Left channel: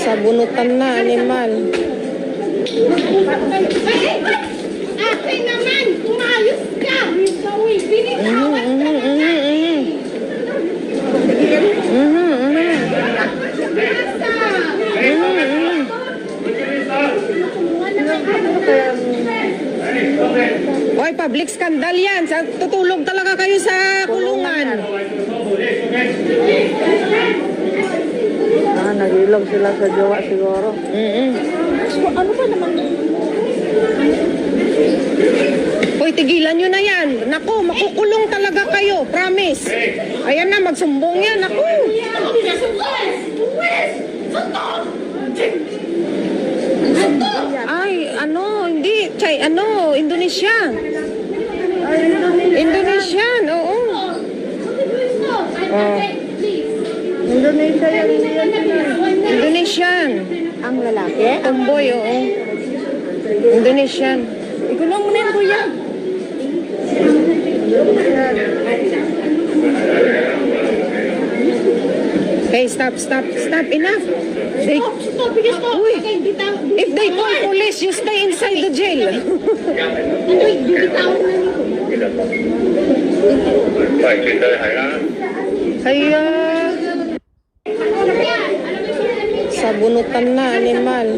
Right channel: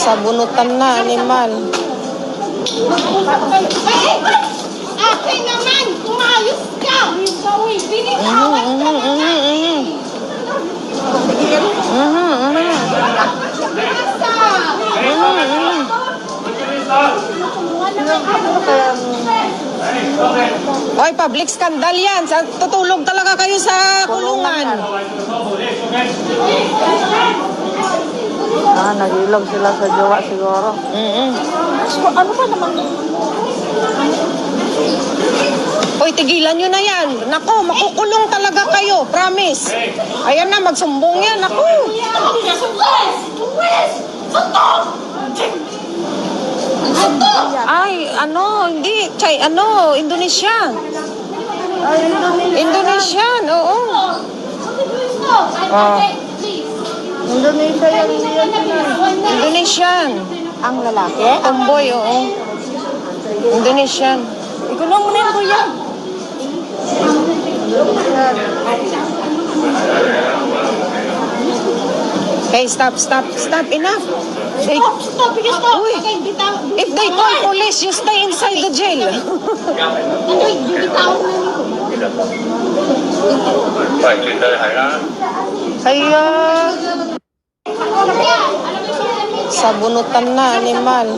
Sabunutan na, animal. Ate naman, kumayos ka! Oy, public scandal yan. Tutulog talaga kayo sa kulungan. Nag-ilog sila sa jowa siguro. Ano ka naman? Hoy, tigilan nyo na yan. Nako, makukulong talaga kayo. Promise. Ayan na, magsumbong yan. Nako. Ay, ano, hindi. Chay, ano, Indonesia. Indonesian, oo. Indonesia yan. Indonesian. Ang lalaki? Ang boy, oo. Indonesian. Ikulong mo na yan, kuya. Hey, stop. Enough. Stop, because stop. Uy. Okay, bitaw. If they call police, you stay inside the jail. Ano, bitaw na Kaya, sabunutan na, animal.